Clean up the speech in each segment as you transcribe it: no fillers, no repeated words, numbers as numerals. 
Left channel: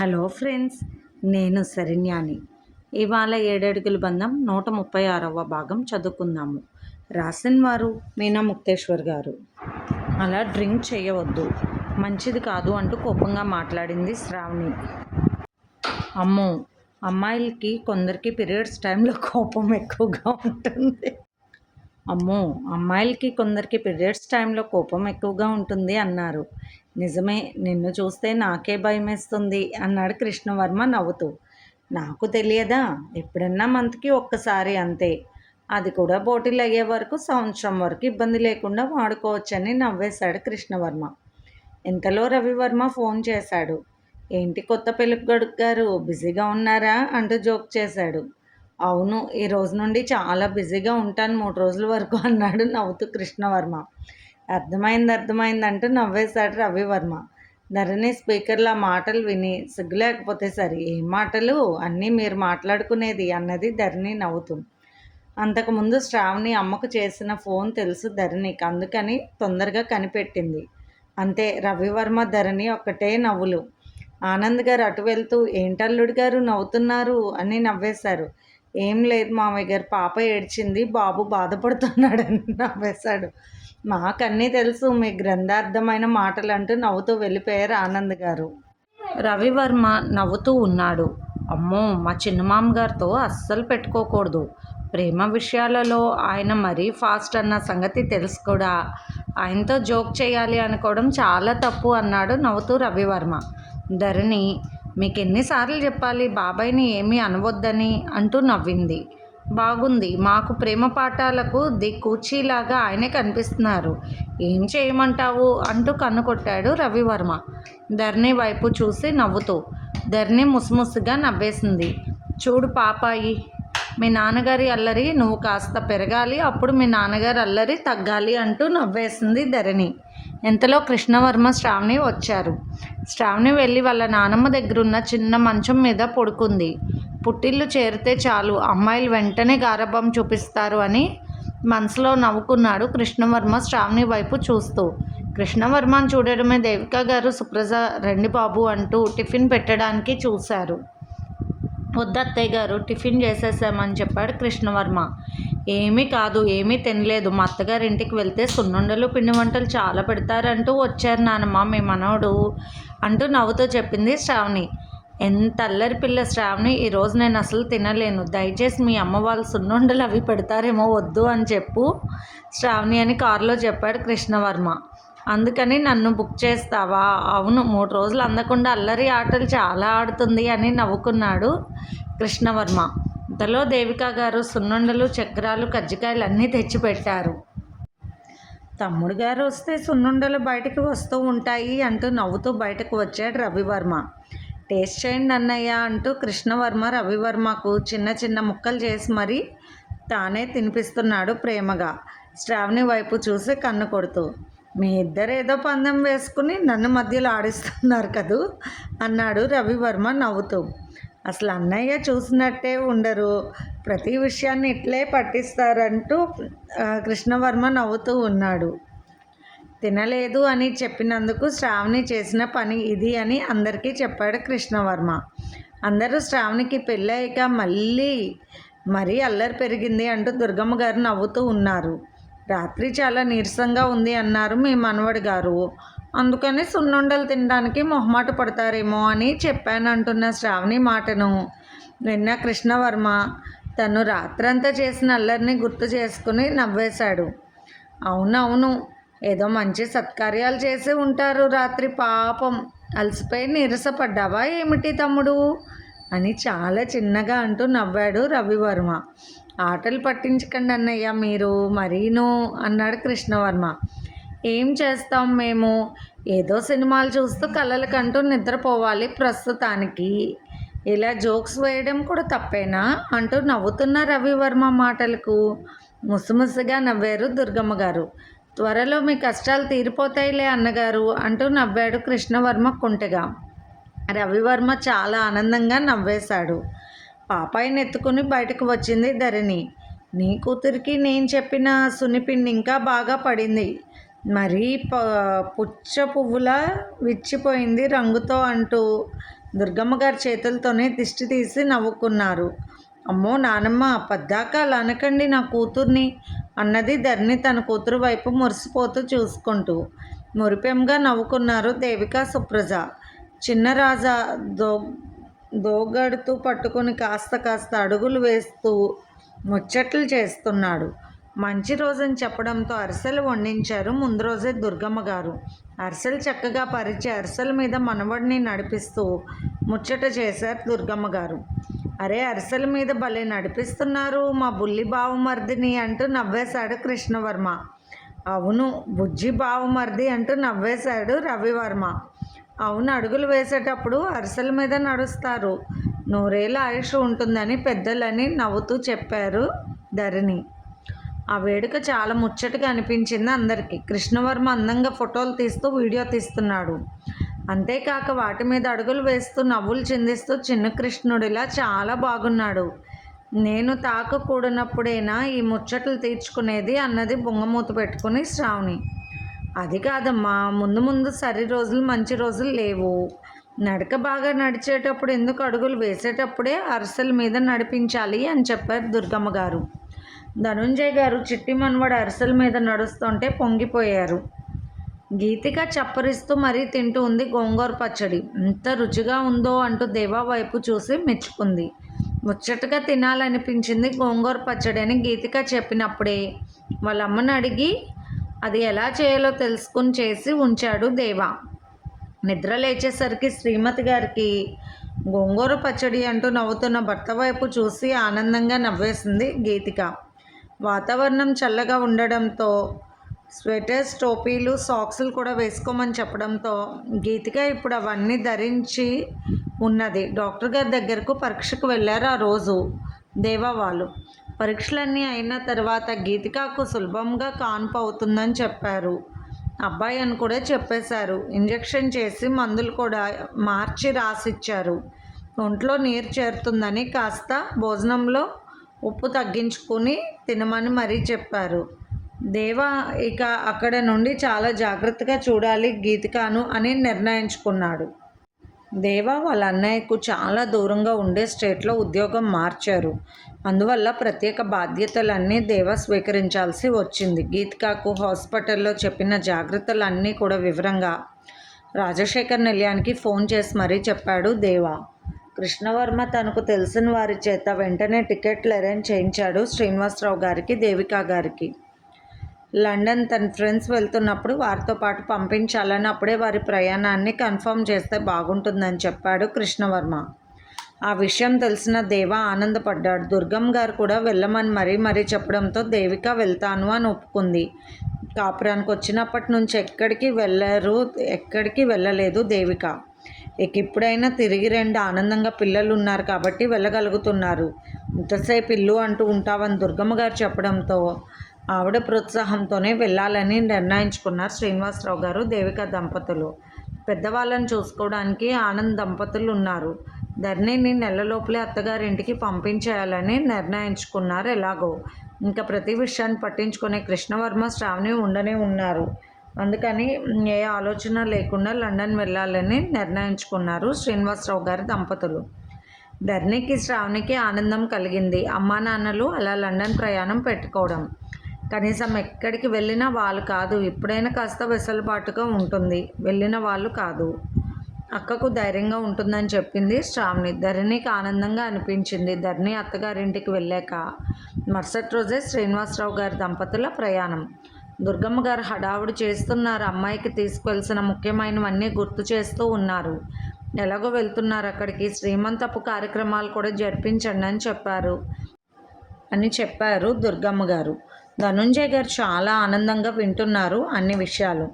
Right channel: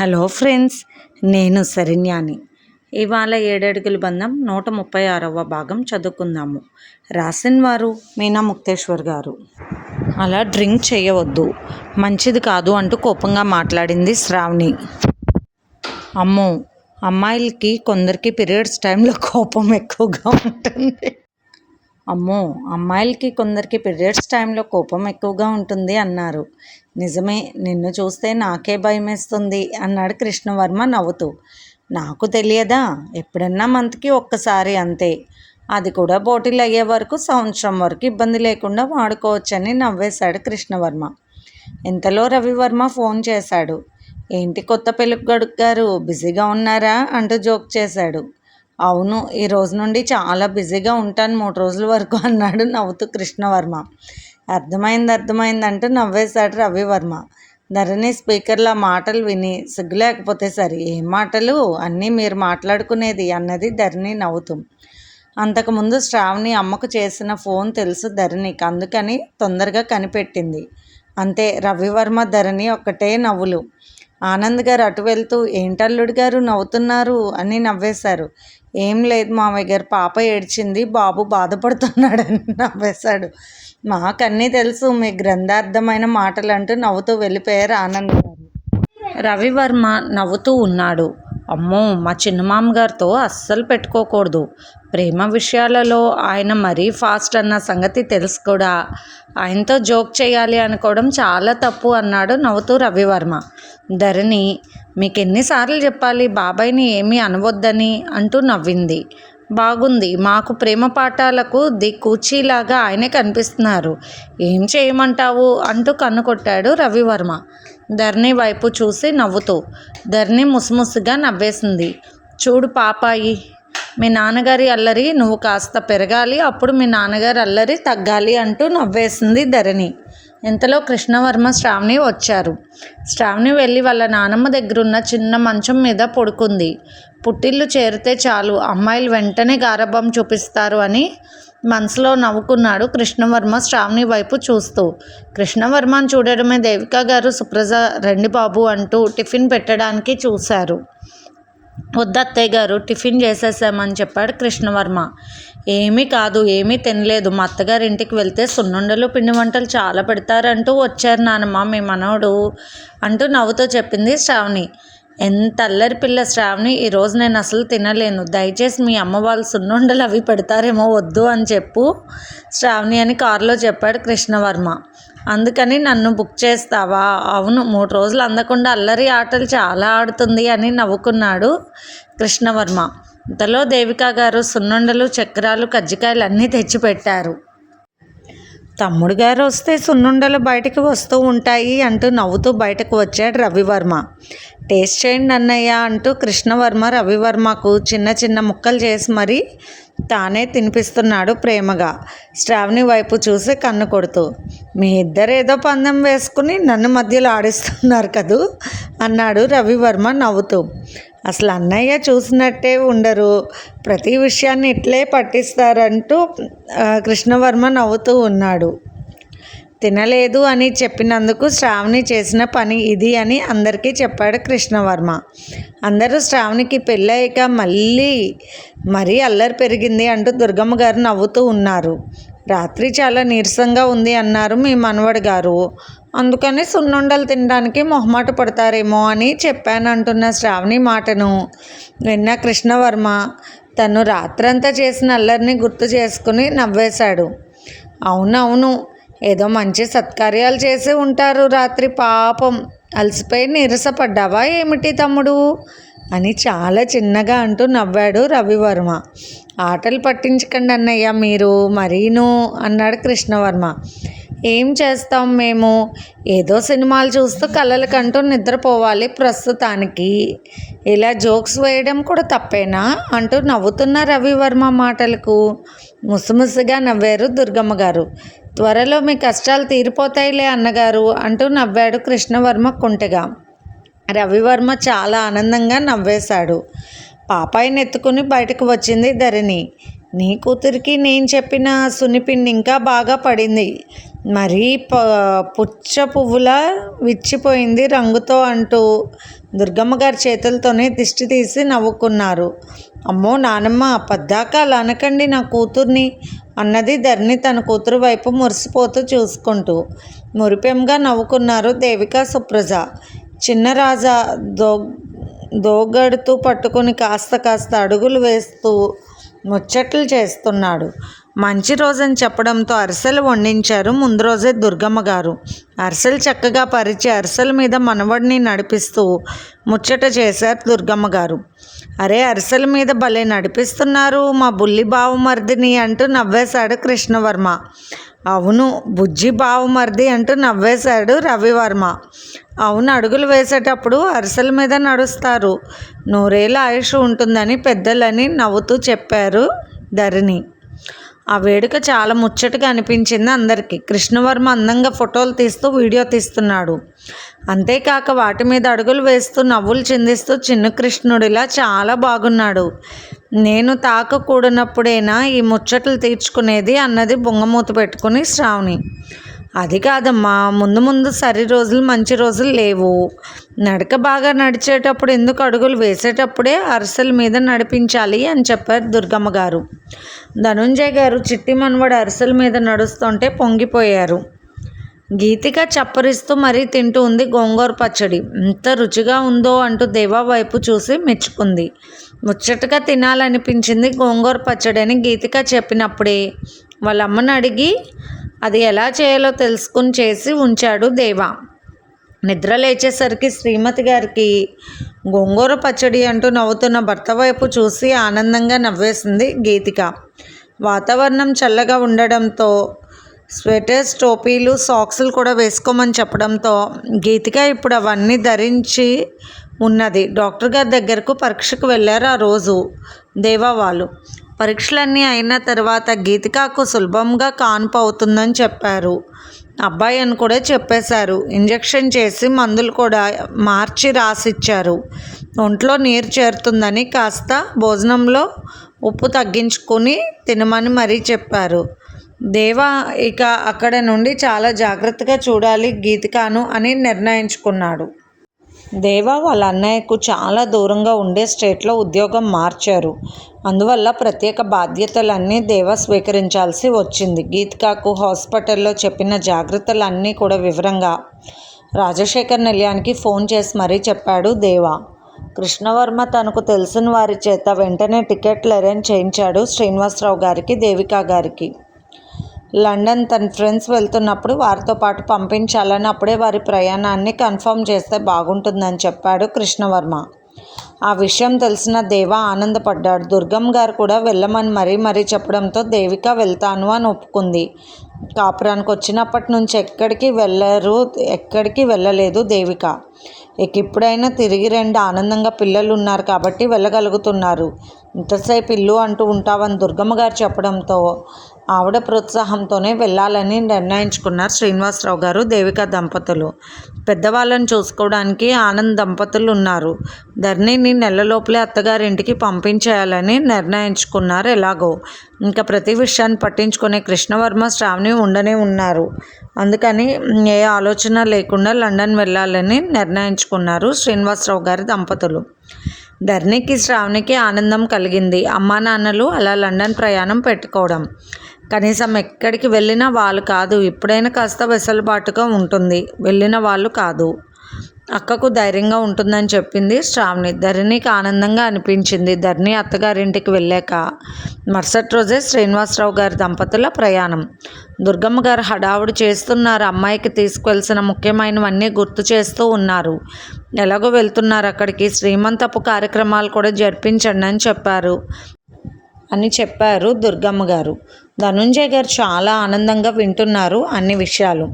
Hello friends, నేను శరణ్యాని. ఇవాళ 7 అడుగుల బంధం 136వ భాగం చదువుకుందాము. రాసిన వారు మీనా ముక్తేశ్వర్ గారు. అలా డ్రింక్ చేయవద్దు, మంచిది కాదు అంటూ కోపంగా మాట్లాడింది శ్రావణి. అమ్మో, అమ్మాయిలకి కొందరికి పీరియడ్స్ టైంలో కోపం ఎక్కువగా ఉంటుంది. అన్నారు. నిజమే, నిన్ను చూస్తే నాకే భయమేస్తుంది అన్నాడు కృష్ణవర్మ నవ్వుతూ. నాకు తెలియదా? ఎప్పుడన్నా మంత్కి ఒక్కసారి అంతే, అది కూడా పోటీలు అయ్యే వరకు సంవత్సరం వరకు ఇబ్బంది లేకుండా వాడుకోవచ్చని నవ్వేశాడు కృష్ణవర్మ. ఇంతలో రవివర్మ ఫోన్ చేశాడు. ఏంటి కొత్త పెళ్ళికొడుకు గారు, బిజీగా ఉన్నారా అంటూ జోక్ చేశాడు. అవును, ఈ రోజు నుండి చాలా బిజీగా ఉంటాను 3 రోజుల వరకు అన్నాడు నవ్వుతూ కృష్ణవర్మ. అర్థమైంది అంటూ నవ్వేశాడు రవివర్మ. ధరణి స్పీకర్లో మాటలు విని సిగ్గు లేకపోతే సరే, ఏం మాటలు, అన్నీ మీరు మాట్లాడుకునేది అన్నది ధరణి నవ్వుతూ. అంతకుముందు శ్రావణి అమ్మకు చేసిన ఫోన్ తెలుసు ధరణికి, అందుకని తొందరగా కనిపెట్టింది. అంతే. రవివర్మ ధరణి ఒక్కటే నవ్వులు. ఆనంద్ గారు అటు వెళ్తూ, ఏంటల్లుడు గారు నవ్వుతున్నారు అని నవ్వేశారు. ఏం లేదు మామయ్య గారు, పాప ఏడ్చింది, బాబు బాధపడుతున్నాడని నవ్వేశాడు. మాకన్నీ తెలుసు, మీ గ్రంథార్థమైన మాటలు అంటూ నవ్వుతూ వెళ్ళిపోయారు ఆనంద్ గారు. రవివర్మ నవ్వుతూ ఉన్నాడు. అమ్మో, మా చిన్నమామగారితో అస్సలు పెట్టుకోకూడదు, ప్రేమ విషయాలలో ఆయన మరీ ఫాస్ట్ అన్న సంగతి తెలుసు కూడా. ఆయనతో జోక్ చేయాలి అనుకోవడం చాలా తప్పు అన్నాడు నవ్వుతూ రవివర్మ. ధరణి, మీకు ఎన్నిసార్లు చెప్పాలి బాబాయ్ని ఏమీ అనవద్దని అంటూ నవ్వింది. బాగుంది, మాకు ప్రేమ పాఠాలకు కూచీలాగా ఆయనే కనిపిస్తున్నారు, ఏం చేయమంటావు అంటూ కన్ను కొట్టాడు రవివర్మ ధరణి వైపు చూసి నవ్వుతూ. ధరణి ముసిముసిగా నవ్వేసింది. చూడు పాపాయి, మీ నాన్నగారి అల్లరి నువ్వు కాస్త పెరగాలి, అప్పుడు మీ నాన్నగారి అల్లరి తగ్గాలి అంటూ నవ్వేసింది ధరణి. ఇంతలో కృష్ణవర్మ శ్రావణి వచ్చారు. శ్రావణి వెళ్ళి వాళ్ళ నానమ్మ దగ్గరున్న చిన్న మంచం మీద పడుకుంది. పుట్టిల్లు చేరితే చాలు అమ్మాయిలు వెంటనే గారాబం చూపిస్తారు అని మనసులో నవ్వుకున్నాడు కృష్ణవర్మ శ్రావణి వైపు చూస్తూ. కృష్ణవర్మను చూడడమే దేవిక గారు, సుప్రజ రండి బాబు అంటూ టిఫిన్ పెట్టడానికి చూశారు. వద్దత్తయ్య గారు, టిఫిన్ చేసేసామని చెప్పాడు కృష్ణవర్మ. ఏమీ కాదు, ఏమీ తినలేదు, మా అత్తగారి ఇంటికి వెళ్తే సున్నుండలు పిండి వంటలు చాలా పెడతారంటూ వచ్చారు నానమ్మ మీ మనవడు అంటూ నవ్వుతూ చెప్పింది శ్రావణి. ఎంత అల్లరి పిల్ల శ్రావణి, ఈరోజు నేను అసలు తినలేను, దయచేసి మీ అమ్మ వాళ్ళు సున్నుండలు అవి పెడతారేమో, వద్దు అని చెప్పు శ్రావణి అని కారులో చెప్పాడు కృష్ణవర్మ. అందుకని నన్ను బుక్ చేస్తావా? అవును, 3 రోజులు అందకుండా అల్లరి ఆటలు చాలా ఆడుతుంది అని నవ్వుకున్నాడు కృష్ణవర్మ. ఇంతలో దేవిక గారు సున్నుండలు, చక్రాలు, కజ్జికాయలు అన్నీ తెచ్చిపెట్టారు. తమ్ముడు గారు వస్తే సున్నుండలు బయటకు వస్తూ ఉంటాయి అంటూ నవ్వుతూ బయటకు వచ్చాడు రవివర్మ. టేస్ట్ చేయండి అన్నయ్య అంటూ కృష్ణవర్మ రవివర్మకు చిన్న చిన్న ముక్కలు చేసి మరీ తానే తినిపిస్తున్నాడు ప్రేమగా. శ్రావణి వైపు చూసి కన్ను కొడుతూ, మీ ఇద్దరు ఏదో పందెం వేసుకుని నన్ను మధ్యలో ఆడిస్తున్నారు కదూ అన్నాడు రవివర్మ నవ్వుతూ. అసలు అన్నయ్య చూసినట్టే ఉండరు, ప్రతి విషయాన్ని ఇట్లే పట్టిస్తారంటూ కృష్ణవర్మ నవ్వుతూ ఉన్నాడు. తినలేదు అని చెప్పినందుకు శ్రావణి చేసిన పని ఇది అని అందరికీ చెప్పాడు కృష్ణవర్మ. అందరూ శ్రావణికి పెళ్ళయ్యాక మరీ అల్లరి పెరిగింది అంటూ దుర్గమ్మ గారు నవ్వుతూ ఉన్నారు. రాత్రి చాలా నీరసంగా ఉంది అన్నారు మీ మనవడు గారు, అందుకని సున్నుండలు తినడానికి మొహమాట పడతారేమో అని చెప్పానంటున్న శ్రావణి మాటను విన్న కృష్ణవర్మ తను రాత్రంతా చేసిన అల్లరిని గుర్తు చేసుకుని నవ్వేశాడు. అవునవును, ఏదో మంచి సత్కార్యాలు చేసి ఉంటారు రాత్రి, పాపం అలసిపోయి నీరసపడ్డావా ఏమిటి తమ్ముడు అని చాలా చిన్నగా అంటూ నవ్వాడు రవివర్మ. ఆటలు పట్టించకండి అన్నయ్య మీరు మరీను అన్నాడు కృష్ణవర్మ. ఏం చేస్తాం మేము, ఏదో సినిమాలు చూస్తూ కలలకంటూ నిద్రపోవాలి ప్రస్తుతానికి, ఇలా జోక్స్ వేయడం కూడా తప్పేనా అంటూ నవ్వుతున్న రవివర్మ మాటలకు ముసిముసిగా నవ్వారు దుర్గమ్మ గారు. త్వరలో మీ కష్టాలు తీరిపోతాయిలే అన్నగారు అంటూ నవ్వాడు కృష్ణవర్మ కుంటగా. రవివర్మ చాలా ఆనందంగా నవ్వేశాడు. పాపాయిని ఎత్తుకుని బయటకు వచ్చింది ధరణి. నీ కూతురికి నేను చెప్పిన సున్నిపిండి ఇంకా బాగా పడింది, మరీ పుచ్చ పువ్వులా విచ్చిపోయింది రంగుతో అంటూ దుర్గమ్మ గారి చేతులతోనే దిష్టి తీసి నవ్వుకున్నారు. అమ్మో నానమ్మ, పద్దాక అలా అనకండి నా కూతుర్ని అన్నది ధరణి తన కూతురు వైపు మురిసిపోతూ చూసుకుంటూ. మురిపెంగా నవ్వుకున్నారు దేవిక, సుప్రజ. చిన్న రాజా దోగడుతూ పట్టుకుని కాస్త అడుగులు వేస్తూ ముచ్చట్లు చేస్తున్నాడు. మంచి రోజని చెప్పడంతో అరిసెలు వండించారు ముందు రోజే దుర్గమ్మ గారు. అరిసెలు చక్కగా పరిచి అరిసెల మీద మనవడిని నడిపిస్తూ ముచ్చట చేశారు దుర్గమ్మ గారు. అరే, అరిసెల మీద భలే నడిపిస్తున్నారు మా బుల్లి బావమర్దిని అంటూ నవ్వేశాడు కృష్ణవర్మ. అవును, బుజ్జి బావమర్ది అంటూ నవ్వేశాడు రవివర్మ. అవును, అడుగులు వేసేటప్పుడు అరిసెల మీద నడుస్తారు, నూరేళ్ళ ఆయుష్ ఉంటుందని పెద్దలని నవ్వుతూ చెప్పారు ధరణి. ఆ వేడుక చాలా ముచ్చటగా అనిపించింది అందరికీ. కృష్ణవర్మ అందంగా ఫోటోలు తీస్తూ వీడియో తీస్తున్నాడు. అంతేకాక వాటి మీద అడుగులు వేస్తూ నవ్వులు చిందిస్తూ చిన్న కృష్ణుడిలా చాలా బాగున్నాడు. నేను తాకకూడనప్పుడేనా ఈ ముచ్చట్లు తీర్చుకునేది అన్నది బొంగమూత పెట్టుకుని శ్రావణి. అది కాదమ్మా, ముందు సరి రోజులు మంచి రోజులు లేవు. నడక బాగా నడిచేటప్పుడు ఎందుకు అడుగులు వేసేటప్పుడే అరిసెల మీద నడిపించాలి అని చెప్పారు దుర్గమ్మ గారు. ధనుంజయ్ గారు చిట్టి మనవడు అరిసెల మీద నడుస్తుంటే పొంగిపోయారు. గీతిక చప్పరిస్తూ మరీ తింటూ ఉంది గోంగూర పచ్చడి. ఎంత రుచిగా ఉందో అంటూ దేవా వైపు చూసి మెచ్చుకుంది. ముచ్చటగా తినాలనిపించింది గోంగూర పచ్చడి అని గీతిక చెప్పినప్పుడే వాళ్ళ అమ్మని అడిగి అది ఎలా చేయాలో తెలుసుకుని చేసి ఉంచాడు దేవా. నిద్ర లేచేసరికి శ్రీమతి గారికి గోంగూర పచ్చడి అంటూ నవ్వుతున్న భర్త వైపు చూసి ఆనందంగా నవ్వేసింది గీతిక. వాతావరణం చల్లగా ఉండడంతో స్వెటర్స్, టోపీలు, సాక్సులు కూడా వేసుకోమని చెప్పడంతో గీతిక ఇప్పుడు అవన్నీ ధరించి ఉన్నది. డాక్టర్ గారి దగ్గరకు పరీక్షకు వెళ్ళారు ఆ రోజు దేవా వాళ్ళు. పరీక్షలన్నీ అయిన తర్వాత గీతికకు సులభంగా కాన్పు అవుతుందని చెప్పారు. అబ్బాయి అని కూడా చెప్పేశారు. ఇంజెక్షన్ చేసి మందులు కూడా మార్చి రాసిచ్చారు. ఒంట్లో నీరు చేరుతుందని కాస్త భోజనంలో ఉప్పు తగ్గించుకొని తినమని మరీ చెప్పారు. దేవా ఇక అక్కడ నుండి చాలా జాగ్రత్తగా చూడాలి గీతికను అని నిర్ణయించుకున్నాడు. దేవా వాళ్ళ అన్నయ్యకు చాలా దూరంగా ఉండే స్టేట్లో ఉద్యోగం మార్చారు. అందువల్ల ప్రత్యేక బాధ్యతలన్నీ దేవా స్వీకరించాల్సి వచ్చింది. గీతికకు హాస్పిటల్లో చెప్పిన జాగ్రత్తలన్నీ కూడా వివరంగా రాజశేఖర్ నిలయానికి ఫోన్ చేసి మరీ చెప్పాడు దేవా. కృష్ణవర్మ తనకు తెలిసిన వారి చేత వెంటనే టికెట్లు అరేంజ్ చేయించాడు శ్రీనివాసరావు గారికి, దేవిక గారికి. లండన్ తన ఫ్రెండ్స్ వెళ్తున్నప్పుడు వారితో పాటు పంపించాలని, అప్పుడే వారి ప్రయాణాన్ని కన్ఫర్మ్ చేస్తే బాగుంటుందని చెప్పాడు కృష్ణవర్మ. ఆ విషయం తెలిసిన దేవా ఆనందపడ్డాడు. దుర్గమ్మ గారు కూడా వెళ్ళమని మరీ చెప్పడంతో దేవిక వెళ్తాను అని ఒప్పుకుంది. కాపురానికి వచ్చినప్పటి నుంచి ఎక్కడికి వెళ్ళలేదు దేవిక. ఇక ఇప్పుడైనా తిరిగి రండి, ఆనందంగా పిల్లలు ఉన్నారు కాబట్టి వెళ్ళగలుగుతున్నారు. ఇంతసేపు ఇల్లు అంటూ ఉంటావని దుర్గమ్మ గారు చెప్పడంతో ఆవిడ ప్రోత్సాహంతోనే వెళ్ళాలని నిర్ణయించుకున్నారు శ్రీనివాసరావు గారు, దేవిక దంపతులు. పెద్దవాళ్ళని చూసుకోవడానికి ఆనంద్ దంపతులు ఉన్నారు. ధరణిని నెలలోపలే అత్తగారింటికి పంపించేయాలని నిర్ణయించుకున్నారు. ఎలాగో ఇంకా ప్రతి విషయాన్ని పట్టించుకునే కృష్ణవర్మ, శ్రావణి ఉండనే ఉన్నారు. అందుకని ఏ ఆలోచన లేకుండా లండన్ వెళ్ళాలని నిర్ణయించుకున్నారు శ్రీనివాసరావు గారి దంపతులు. ధరణికి, శ్రావణికి ఆనందం కలిగింది. అమ్మా నాన్నలు అలా లండన్ ప్రయాణం పెట్టుకోవడం. కనీసం ఎక్కడికి వెళ్ళినా వాళ్ళు కాదు, ఇప్పుడైనా కాస్త వెసులుబాటుగా ఉంటుంది, వెళ్ళిన వాళ్ళు కాదు. అక్కకు ధైర్యంగా ఉంటుందని చెప్పింది శ్రావణి. ధరణికి ఆనందంగా అనిపించింది. ధరణి అత్తగారింటికి వెళ్ళాక మరుసటి రోజే శ్రీనివాసరావు గారి దంపతుల ప్రయాణం. దుర్గమ్మ గారు హడావుడి చేస్తున్నారు. అమ్మాయికి తీసుకువెళ్సిన ముఖ్యమైనవన్నీ గుర్తు చేస్తూ ఉన్నారు. ఎలాగో వెళ్తున్నారు అక్కడికి, శ్రీమంతపు కార్యక్రమాలు కూడా జరిపించండి అని చెప్పారు దుర్గమ్మ గారు. ధనుంజయ్ గారు చాలా ఆనందంగా వింటున్నారు అన్ని విషయాలు.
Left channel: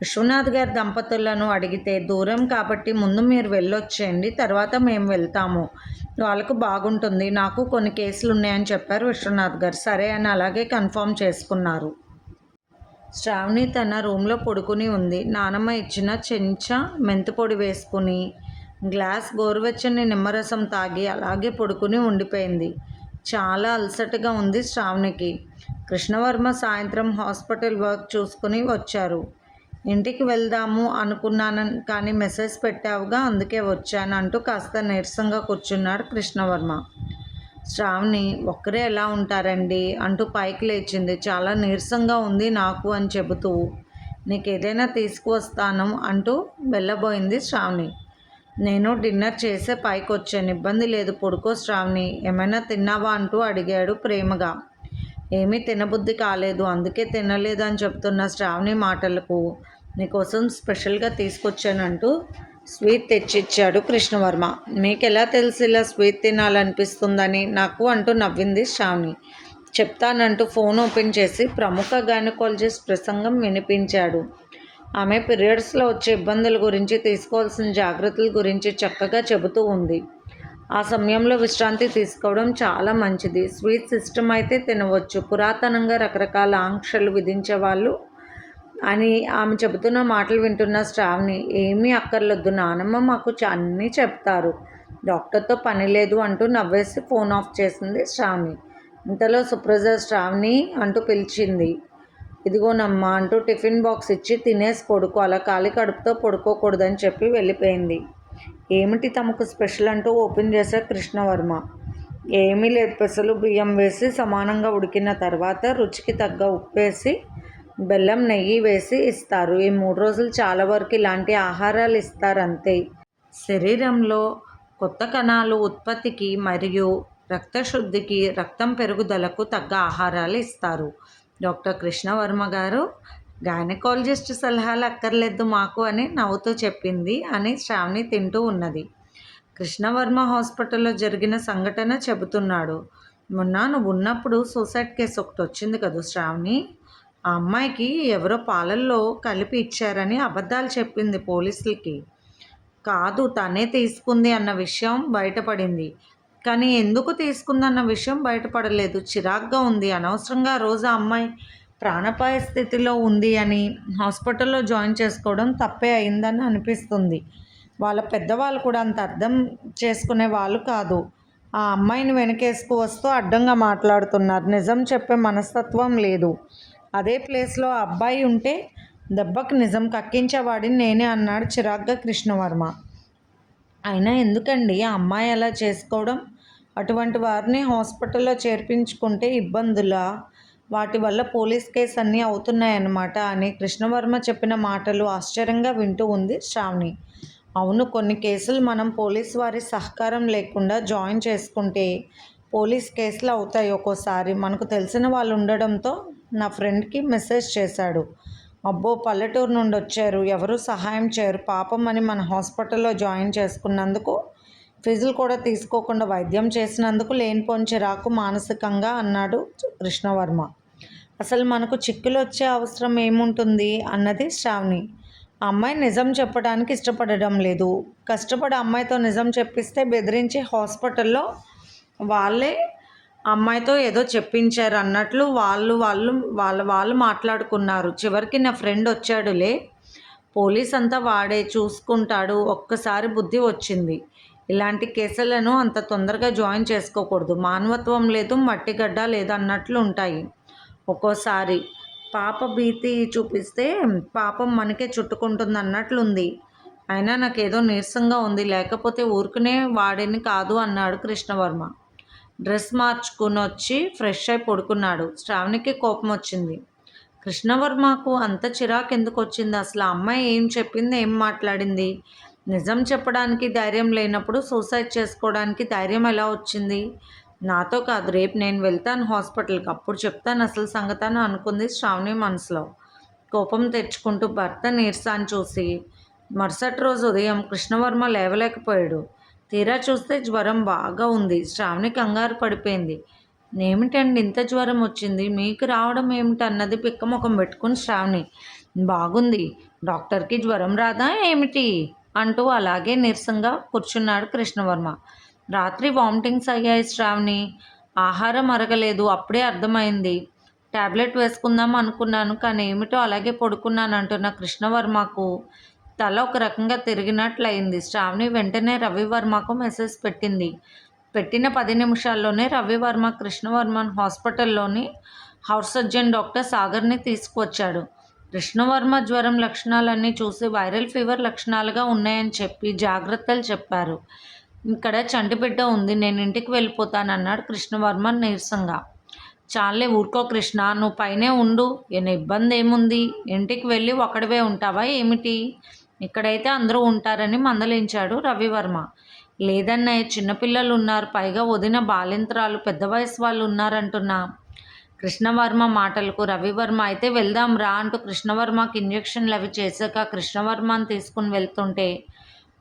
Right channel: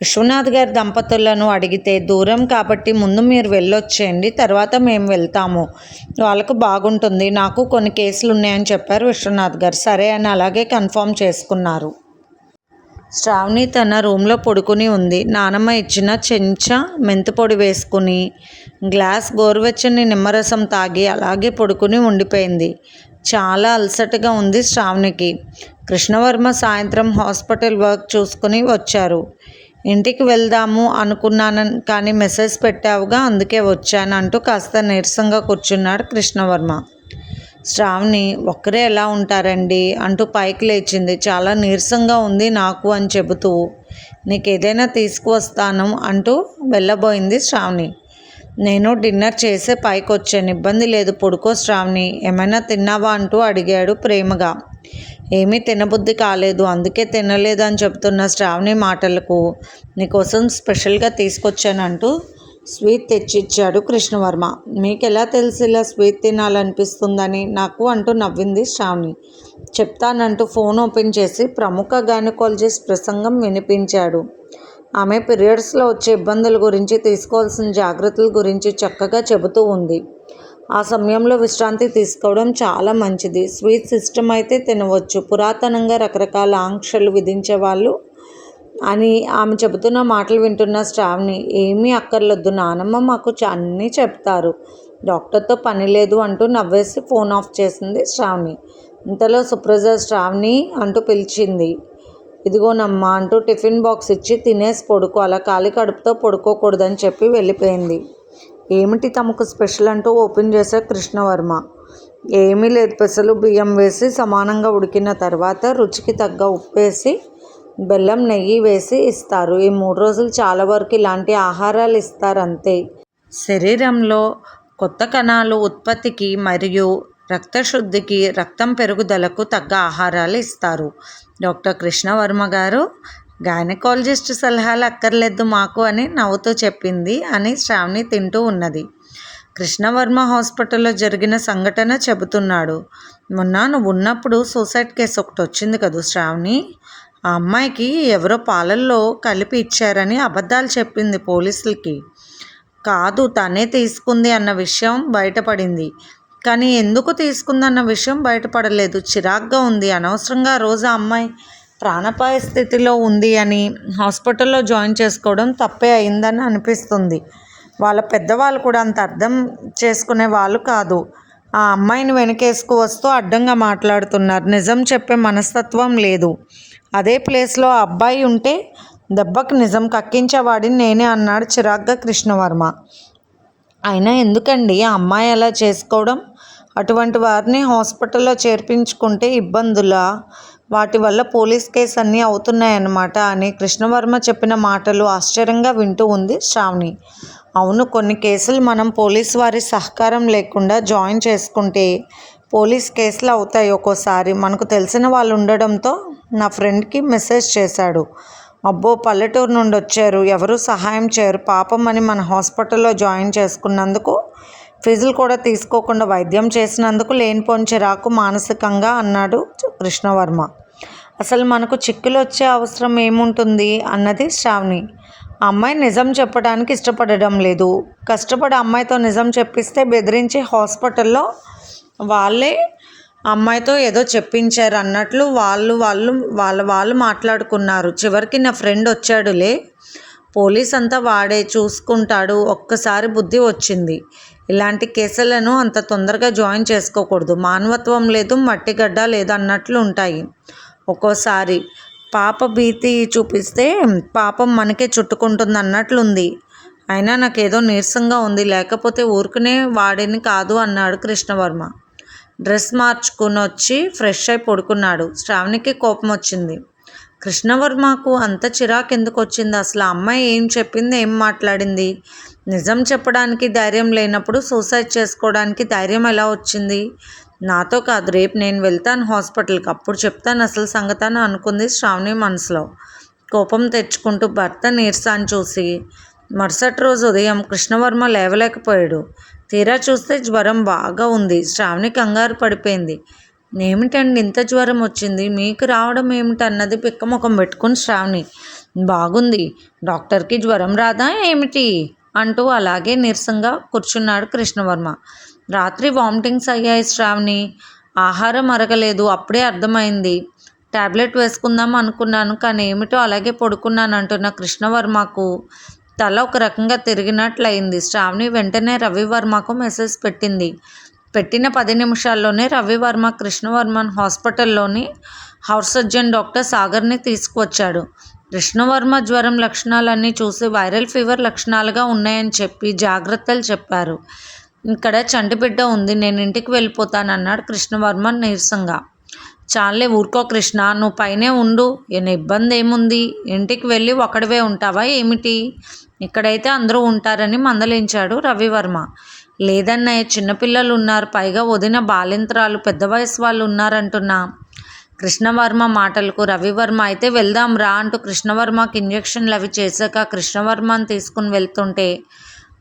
విశ్వనాథ్ గారి దంపతులను అడిగితే దూరం కాబట్టి ముందు మీరు వెళ్ళొచ్చేయండి, తర్వాత మేము వెళ్తాము, వాళ్ళకు బాగుంటుంది, నాకు కొన్ని కేసులు ఉన్నాయని చెప్పారు విశ్వనాథ్ గారు. సరే అని అలాగే కన్ఫర్మ్ చేసుకున్నారు. శ్రావణి తన రూమ్లో పడుకుని ఉంది. నానమ్మ ఇచ్చిన చెంచా మెంతిపొడి వేసుకుని గ్లాస్ గోరువెచ్చని నిమ్మరసం తాగి అలాగే పడుకుని ఉండిపోయింది. చాలా అలసటగా ఉంది శ్రావణికి. కృష్ణవర్మ సాయంత్రం హాస్పిటల్ వర్క్ చూసుకుని వచ్చారు. ఇంటికి వెళ్దాము అనుకున్నాను కానీ మెసేజ్ పెట్టావుగా అందుకే వచ్చాను అంటూ కాస్త నీరసంగా కూర్చున్నాడు కృష్ణవర్మ. శ్రావణి ఒక్కరే ఎలా ఉంటారండి అంటూ పైకి లేచింది. చాలా నీరసంగా ఉంది నాకు అని చెబుతూ నీకేదైనా తీసుకువస్తాను అంటూ వెళ్ళబోయింది శ్రావణి. నేను డిన్నర్ చేసే పైకి వచ్చాను, ఇబ్బంది లేదు, పడుకో శ్రావణి, ఏమైనా తిన్నావా అంటూ అడిగాడు ప్రేమగా. ఏమీ తినబుద్ధి కాలేదు అందుకే తినలేదు అని చెప్తున్న శ్రావణి మాటలకు నీకోసం స్పెషల్గా తీసుకొచ్చానంటూ స్వీట్ తెచ్చిచ్చాడు కృష్ణవర్మ. మీకు ఎలా తెలిసి ఇలా స్వీట్ తినాలనిపిస్తుందని నాకు అంటూ నవ్వింది శ్రావణి. చెప్తానంటూ ఫోన్ ఓపెన్ చేసి ప్రముఖ గైనకాలజిస్ట్ ప్రసంగం వినిపించాడు. ఆమె పీరియడ్స్లో వచ్చే ఇబ్బందుల గురించి, తీసుకోవాల్సిన జాగ్రత్తల గురించి చక్కగా చెబుతూ ఉంది. ఆ సమయంలో విశ్రాంతి తీసుకోవడం చాలా మంచిది. స్వీట్స్ ఇష్టమైతే తినవచ్చు, పురాతనంగా రకరకాల ఆంక్షలు విధించేవాళ్ళు అని ఆమె చెబుతున్న మాటలు వింటున్న శ్రావణి ఏమీ అక్కర్లొద్దు, నానమ్మ మాకు అన్నీ చెప్తారు, డాక్టర్తో పని లేదు అంటూ నవ్వేసి ఫోన్ ఆఫ్ చేసింది శ్రావణి. ఇంతలో సుప్రజ శ్రావణి అంటూ పిలిచింది. ఇదిగోనమ్మా అంటూ టిఫిన్ బాక్స్ ఇచ్చి తినేసి పడుకో, అలా ఖాళీ కడుపుతో పడుకోకూడదని చెప్పి వెళ్ళిపోయింది. ఏమిటి తమకు స్పెషల్ అంటూ ఓపెన్ చేశాడు కృష్ణవర్మ. ఏమీ లేదు, పెసలు బియ్యం వేసి సమానంగా ఉడికిన తర్వాత రుచికి తగ్గ ఉప్పు వేసి బెల్లం నెయ్యి వేసి ఇస్తారు. ఈ 3 రోజులు చాలా వరకు ఇలాంటి ఆహారాలు ఇస్తారు అంతే. శరీరంలో కొత్త కణాలు ఉత్పత్తికి మరియు రక్తశుద్ధికి, రక్తం పెరుగుదలకు తగ్గ ఆహారాలు ఇస్తారు. డాక్టర్ కృష్ణవర్మ గారు గైనకాలజిస్ట్ సలహాలు అక్కర్లేదు మాకు అని నవ్వుతూ చెప్పింది అని శ్రావణి తింటూ ఉన్నది. కృష్ణవర్మ హాస్పిటల్లో జరిగిన సంఘటన చెబుతున్నాడు. మొన్న నువ్వు ఉన్నప్పుడు సూసైడ్ కేసు ఒకటి వచ్చింది కదా శ్రావణి, ఆ అమ్మాయికి ఎవరో పాలల్లో కలిపి ఇచ్చారని అబద్ధాలు చెప్పింది పోలీసులకి. కాదు తనే తీసుకుంది అన్న విషయం బయటపడింది, కానీ ఎందుకు తీసుకుందన్న విషయం బయటపడలేదు. చిరాగ్గా ఉంది. అనవసరంగా ఆ రోజు ఆ అమ్మాయి ప్రాణాపాయ స్థితిలో ఉంది అని హాస్పిటల్లో జాయిన్ చేసుకోవడం తప్పే అయిందని అనిపిస్తుంది. వాళ్ళ పెద్దవాళ్ళు కూడా అంత అర్థం చేసుకునే వాళ్ళు కాదు. ఆ అమ్మాయిని వెనకేసుకు వస్తూ అడ్డంగా మాట్లాడుతున్నారు. నిజం చెప్పే మనస్తత్వం లేదు. అదే ప్లేస్లో ఆ అబ్బాయి ఉంటే దెబ్బకి నిజం కక్కించేవాడిని నేనే అన్నాడు చిరాగ్గా కృష్ణవర్మ. అయినా ఎందుకండి ఆ అమ్మాయి అలా చేసుకోవడం? అటువంటి వారిని హాస్పిటల్లో చేర్పించుకుంటే ఇబ్బందులా? వాటి వల్ల పోలీస్ కేసు అన్నీ అవుతున్నాయన్నమాట అని కృష్ణవర్మ చెప్పిన మాటలు ఆశ్చర్యంగా వింటూ ఉంది శ్రావణి. అవును, కొన్ని కేసులు మనం పోలీస్ వారి సహకారం లేకుండా జాయిన్ చేసుకుంటే పోలీస్ కేసులు అవుతాయి. ఒక్కోసారి మనకు తెలిసిన వాళ్ళు ఉండడంతో నా ఫ్రెండ్కి మెసేజ్ చేశాడు. అబ్బో పల్లెటూరు నుండి వచ్చారు, ఎవరూ సహాయం చేయరు పాపం అని మన హాస్పిటల్లో జాయిన్ చేసుకున్నందుకు, ఫీజులు కూడా తీసుకోకుండా వైద్యం చేసినందుకు లేనిపోని చిరాకు మానసికంగా అన్నాడు కృష్ణవర్మ. అసలు మనకు చిక్కులు వచ్చే అవసరం ఏముంటుంది అన్నది శ్రావణి. ఆ అమ్మాయి నిజం చెప్పడానికి ఇష్టపడడం లేదు. కష్టపడి అమ్మాయితో నిజం చెప్పిస్తే బెదిరించి హాస్పిటల్లో వాళ్ళే అమ్మాయితో ఏదో చెప్పించారు అన్నట్లు వాళ్ళు మాట్లాడుకున్నారు. చివరికి నా ఫ్రెండ్ వచ్చాడులే, పోలీస్ అంతా వాడే చూసుకుంటాడు, ఒక్కసారి బుద్ధి వచ్చింది. ఇలాంటి కేసులను అంత తొందరగా జాయిన్ చేసుకోకూడదు. మానవత్వం లేదు, మట్టిగడ్డ లేదు అన్నట్లు ఉంటాయి. ఒక్కోసారి పాప భీతి చూపిస్తే పాపం మనకే చుట్టుకుంటుంది అన్నట్లుంది. అయినా నాకేదో నీరసంగా ఉంది, లేకపోతే ఊరుకునే వాడిని కాదు అన్నాడు కృష్ణవర్మ. డ్రెస్ మార్చుకుని వచ్చి ఫ్రెష్ అయి పడుకున్నాడు. శ్రావణికి కోపం వచ్చింది. కృష్ణవర్మకు అంత చిరాకు ఎందుకు వచ్చింది? అసలు ఆ అమ్మాయి ఏం చెప్పింది, ఏం మాట్లాడింది? నిజం చెప్పడానికి ధైర్యం లేనప్పుడు సూసైడ్ చేసుకోవడానికి ధైర్యం ఎలా వచ్చింది? నాతో కాదు, రేపు నేను వెళ్తాను హాస్పిటల్కి, అప్పుడు చెప్తాను అసలు సంగతాన్ని అనుకుంది శ్రావణి మనసులో. కోపం తెచ్చుకుంటూ భర్త నీరసాన్ని చూసి మరుసటి రోజు ఉదయం కృష్ణవర్మ లేవలేకపోయాడు. తీరా చూస్తే జ్వరం బాగా ఉంది. శ్రావణి కంగారు పడిపోయింది. ఏమిటండి ఇంత జ్వరం వచ్చింది, మీకు రావడం ఏమిటి అన్నది పిక్కముఖం పెట్టుకుని శ్రావణి. బాగుంది, డాక్టర్కి జ్వరం రాదా ఏమిటి అంటూ అలాగే నీరసంగా కూర్చున్నాడు కృష్ణవర్మ. రాత్రి వామిటింగ్స్ అయ్యాయి శ్రావణి, ఆహారం అరగలేదు, అప్పుడే అర్థమైంది. టాబ్లెట్ వేసుకుందాం అనుకున్నాను కానీ ఏమిటో అలాగే పడుకున్నాను అంటున్న కృష్ణవర్మకు తల ఒక రకంగా తిరిగినట్లయింది. శ్రావణి వెంటనే రవివర్మకు మెసేజ్ పెట్టింది. పెట్టిన 10 నిమిషాల్లోనే రవివర్మ కృష్ణవర్మన్ హాస్పిటల్లోని హౌస్ సర్జన్ డాక్టర్ సాగర్ని తీసుకువచ్చాడు. కృష్ణవర్మ జ్వరం లక్షణాలన్నీ చూసి వైరల్ ఫీవర్ లక్షణాలుగా ఉన్నాయని చెప్పి జాగ్రత్తలు చెప్పారు. ఇక్కడ చంటిబిడ్డ ఉంది, నేను ఇంటికి వెళ్ళిపోతానన్నాడు కృష్ణవర్మ నీరసంగా. చాలే ఊరుకో కృష్ణ, నువ్వు పైనే ఉండు, ఇబ్బంది ఏముంది, ఇంటికి వెళ్ళి ఒక్కడివే ఉంటావా ఏమిటి, ఇక్కడైతే అందరూ ఉంటారని మందలించాడు రవివర్మ. లేదన్నయ్య, చిన్నపిల్లలు ఉన్నారు, పైగా వదిన బాలింత్రాలు, పెద్ద వయసు వాళ్ళు ఉన్నారంటున్నా. కృష్ణవర్మ మాటలకు రవివర్మ అయితే వెళ్దాం రా అంటూ కృష్ణవర్మకి ఇంజక్షన్లు అవి చేశాక కృష్ణవర్మని తీసుకుని వెళ్తుంటే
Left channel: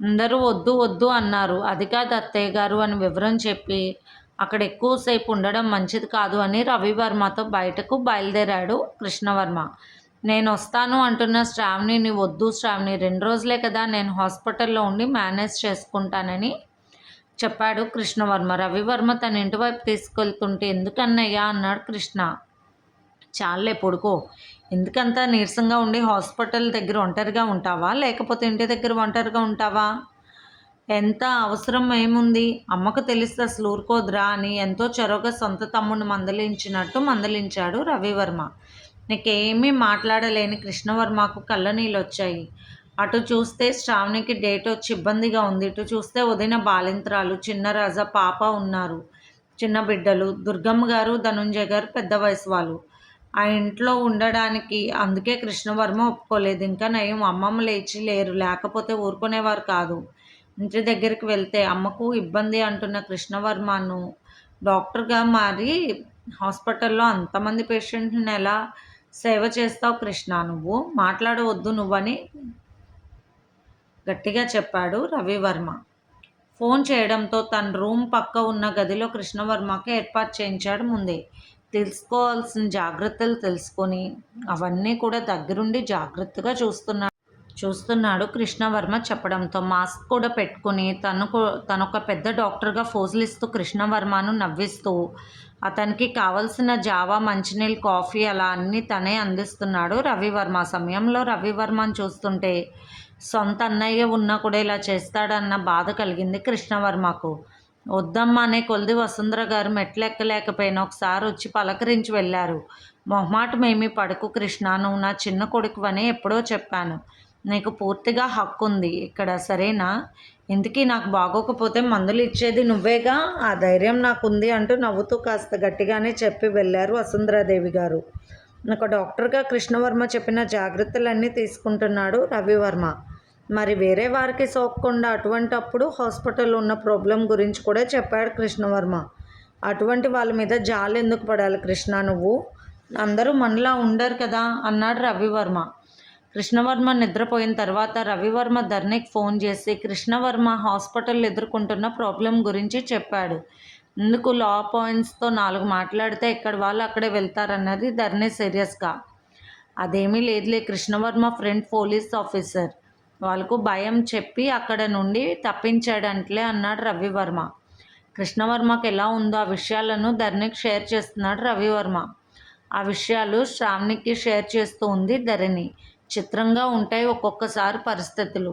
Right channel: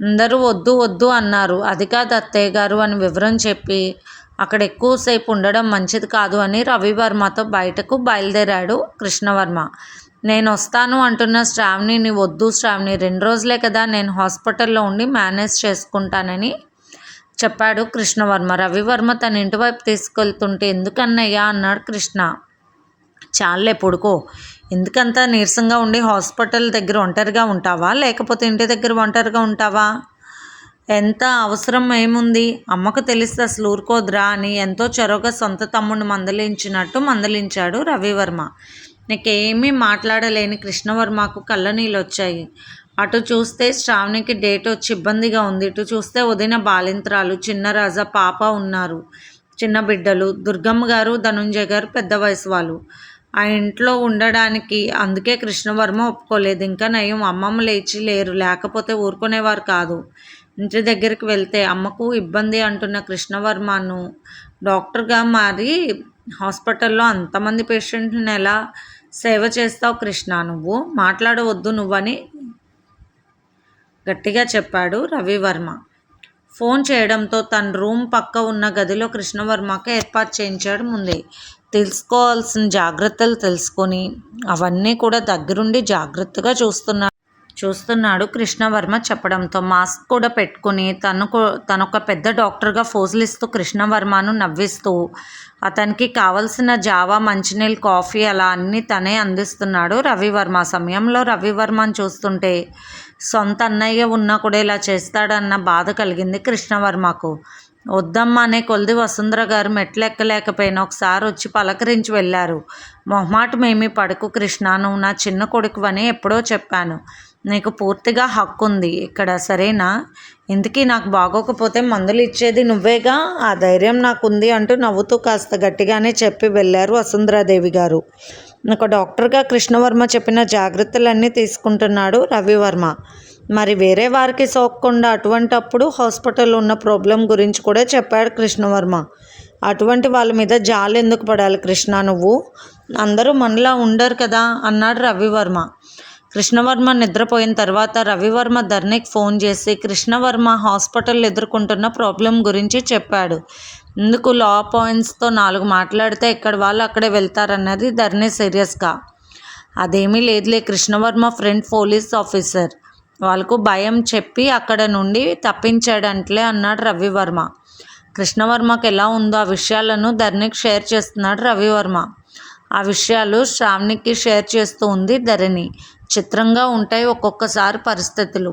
అందరూ వద్దు వద్దు అన్నారు. అది కాదు అత్తయ్య గారు అని వివరం చెప్పి అక్కడ ఎక్కువసేపు ఉండడం మంచిది కాదు అని రవివర్మతో బయటకు బయలుదేరాడు కృష్ణవర్మ. నేను వస్తాను అంటున్న శ్రావణిని, వద్దు శ్రావణి, 2 రోజులే కదా, నేను హాస్పిటల్లో ఉండి మేనేజ్ చేసుకుంటానని చెప్పాడు కృష్ణవర్మ. రవివర్మ తన ఇంటి వైపు తీసుకెళ్తుంటే ఎందుకన్నయ్యా అన్నాడు కృష్ణ. చాలే పడుకో, ఎందుకంతా నీరసంగా ఉండి హాస్పిటల్ దగ్గర ఒంటరిగా ఉంటావా, లేకపోతే ఇంటి దగ్గర ఒంటరిగా ఉంటావా, ఎంత అవసరం ఏముంది, అమ్మకు తెలిస్తే అసలు ఊరుకోదురా అని ఎంతో చొరవగా సొంత తమ్ముడిని మందలించినట్టు మందలించాడు రవివర్మ. నీకేమీ మాట్లాడలేని కృష్ణవర్మకు కళ్ళనీళ్ళు వచ్చాయి. అటు చూస్తే శ్రావణికి డేట్ వచ్చి ఇబ్బందిగా ఉంది, ఇటు చూస్తే వదిన బాలింత్రాలు, చిన్నరాజా పాప ఉన్నారు, చిన్న బిడ్డలు, దుర్గమ్మ గారు, ధనుంజయ గారు పెద్ద వయసు వాళ్ళు ఆ ఇంట్లో ఉండడానికి. అందుకే కృష్ణవర్మ ఒప్పుకోలేదు. ఇంకా నయం అమ్మమ్మ లేచి లేరు, లేకపోతే ఊరుకునేవారు కాదు. ఇంటి దగ్గరికి వెళ్తే అమ్మకు ఇబ్బంది అంటున్న కృష్ణవర్మను డాక్టర్గా మారి హాస్పిటల్లో అంతమంది పేషెంట్లను ఎలా సేవ చేస్తావు కృష్ణ, నువ్వు మాట్లాడవద్దు నువ్వని గట్టిగా చెప్పాడు రవివర్మ. ఫోన్ చేయడంతో తన రూమ్ పక్క ఉన్న గదిలో కృష్ణవర్మకు ఏర్పాటు చేయించాడు. ముందే తెలుసుకోవాల్సిన జాగ్రత్తలు తెలుసుకొని అవన్నీ కూడా దగ్గరుండి జాగ్రత్తగా చూస్తున్నాడు కృష్ణవర్మ చెప్పడంతో మాస్క్ కూడా పెట్టుకుని తనొక పెద్ద డాక్టర్గా ఫోజులిస్తూ కృష్ణవర్మను నవ్విస్తూ అతనికి కావలసిన జావా, మంచినీళ్ళు, కాఫీ అలా అన్నీ తనే అందిస్తున్నాడు రవివర్మ. సమయంలో రవివర్మను చూస్తుంటే సొంత అన్నయ్య ఉన్నా కూడా ఇలా చేస్తాడన్న బాధ కలిగింది కృష్ణవర్మకు. వద్దమ్మా అనే కొలిది వసుంధర గారు మెట్లు ఎక్కలేకపోయినా ఒకసారి వచ్చి పలకరించి వెళ్ళారు. మొహమాటం ఏమీ పడకు కృష్ణ, నువ్వు నా చిన్న కొడుకువని ఎప్పుడో చెప్పాను, నీకు పూర్తిగా హక్కు ఉంది ఇక్కడ, సరేనా, ఇందుకీ నాకు బాగోకపోతే మందులు ఇచ్చేది నువ్వేగా, ఆ ధైర్యం నాకుంది అంటూ నవ్వుతూ కాస్త గట్టిగానే చెప్పి వెళ్ళారు వసుంధరాదేవి గారు. ఒక డాక్టర్గా కృష్ణవర్మ చెప్పిన జాగ్రత్తలన్నీ తీసుకుంటున్నాడు రవివర్మ. మరి వేరే వారికి సోకకుండా అటువంటప్పుడు హాస్పిటల్లో ఉన్న ప్రాబ్లం గురించి కూడా చెప్పాడు కృష్ణవర్మ. అటువంటి వాళ్ళ మీద జాలి ఎందుకు పడాలి కృష్ణ, నువ్వు అందరూ మనలా ఉండరు కదా అన్నాడు రవివర్మ. కృష్ణవర్మ నిద్రపోయిన తర్వాత రవివర్మ ధరణికి ఫోన్ చేసి కృష్ణవర్మ హాస్పిటల్ ఎదుర్కొంటున్న ప్రాబ్లం గురించి చెప్పాడు. ఇందుకు లా పాయింట్స్తో 4 మాట్లాడితే ఇక్కడ వాళ్ళు అక్కడే వెళ్తారన్నది ధరణి సీరియస్గా. అదేమీ లేదులే, కృష్ణవర్మ ఫ్రెండ్ పోలీస్ ఆఫీసర్, వాళ్ళకు భయం చెప్పి అక్కడ నుండి తప్పించాడంట్లే అన్నాడు రవివర్మ. కృష్ణవర్మకు ఎలా ఉందో ఆ విషయాలను ధరణికి షేర్ చేస్తున్నాడు రవివర్మ. ఆ విషయాలు శ్రావణికి షేర్ చేస్తూ ఉంది ధరణి. చిత్రంగా ఉంటాయి ఒక్కొక్కసారి పరిస్థితులు.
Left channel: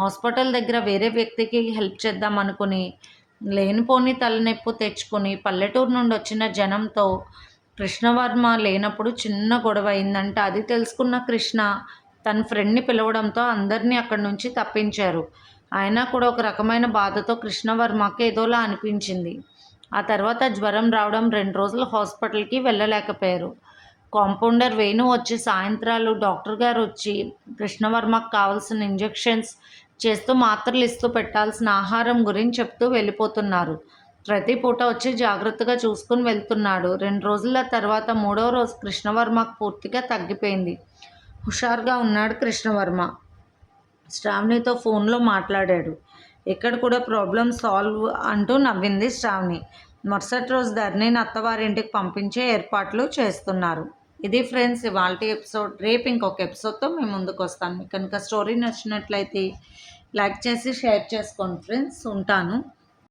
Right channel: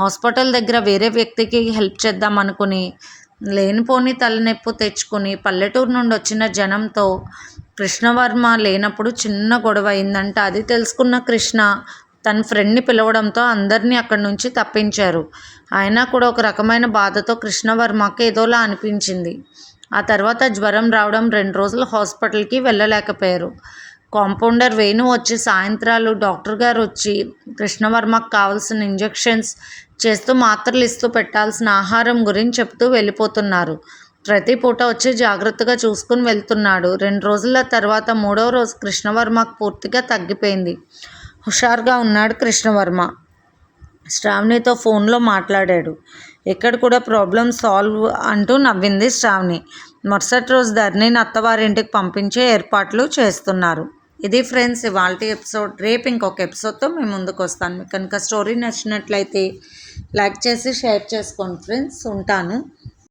హాస్పిటల్ దగ్గర వేరే వ్యక్తికి హెల్ప్ చేద్దాం అనుకుని లేనిపోని తలనొప్పి తెచ్చుకుని పల్లెటూరు నుండి వచ్చిన జనంతో కృష్ణవర్మ లేనప్పుడు చిన్న గొడవ అయిందంట. అది తెలుసుకున్న కృష్ణ తన ఫ్రెండ్ని పిలవడంతో అందరినీ అక్కడి నుంచి తప్పించారు. అయినా కూడా ఒక రకమైన బాధతో కృష్ణవర్మకి ఏదోలా అనిపించింది. ఆ తర్వాత జ్వరం రావడం, 2 రోజులు హాస్పిటల్కి వెళ్ళలేకపోయారు. కాంపౌండర్ వేణు వచ్చి సాయంత్రాలు డాక్టర్ గారు వచ్చి కృష్ణవర్మకు కావాల్సిన ఇంజెక్షన్స్ చేస్తూ మాత్రలు ఇస్తూ పెట్టాల్సిన ఆహారం గురించి చెప్తూ వెళ్ళిపోతున్నారు. ప్రతి పూట వచ్చి జాగ్రత్తగా చూసుకుని వెళ్తున్నాడు. 2 రోజుల తర్వాత 3వ రోజు కృష్ణవర్మకు పూర్తిగా తగ్గిపోయింది. హుషారుగా ఉన్నాడు కృష్ణవర్మ. శ్రావణితో ఫోన్లో మాట్లాడాడు. ఇక్కడ కూడా ప్రాబ్లం సాల్వ్ అంటూ నవ్వింది శ్రావణి. మరుసటి రోజు ధరణిని అత్తవారింటికి పంపించే ఏర్పాట్లు చేస్తున్నారు. ఇది ఫ్రెండ్స్ ఇవాల్టి ఎపిసోడ్. రేపు ఇంకొక ఎపిసోడ్తో మేము ముందుకు వస్తాను. మీకు కనుక స్టోరీ నచ్చినట్లయితే లైక్ చేసి షేర్ చేసుకోండి ఫ్రెండ్స్. ఉంటాను.